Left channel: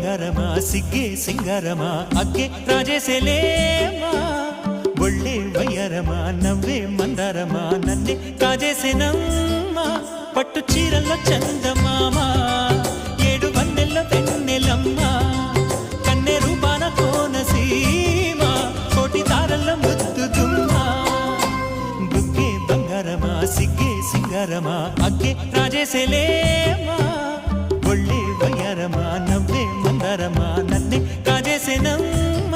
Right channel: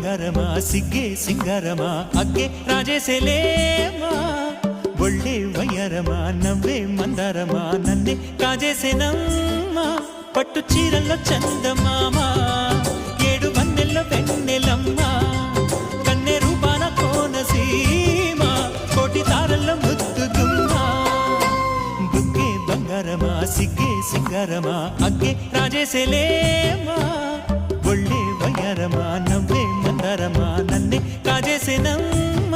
ಬಂಗಾರಮ ಸಿಗ್ಗೆ ಸಿಂಗಾರಮ ಅಗ್ಗೆ ರಾಜೇಸೆಲೇಮಾ ಒಳ್ಳೆ వయ్యారమ నవ్వే మందారమ నన్నే కాజేసేనమ్మ పట్టు చీరల్లో చందమామ ఏడు వన్నెల్లో వెన్నెలమ్మ కన్నె రూపాన కోనసీమ కోటి తారల్లో ముద్దుగుమ్మ బుగ్గే బంగారమ సిగ్గే సింగారమ అగ్గే రాజేసెలేమా ఒళ్ళే వయ్యారమ నవ్వే మందారమ నన్నే కాజేసేనమ్మ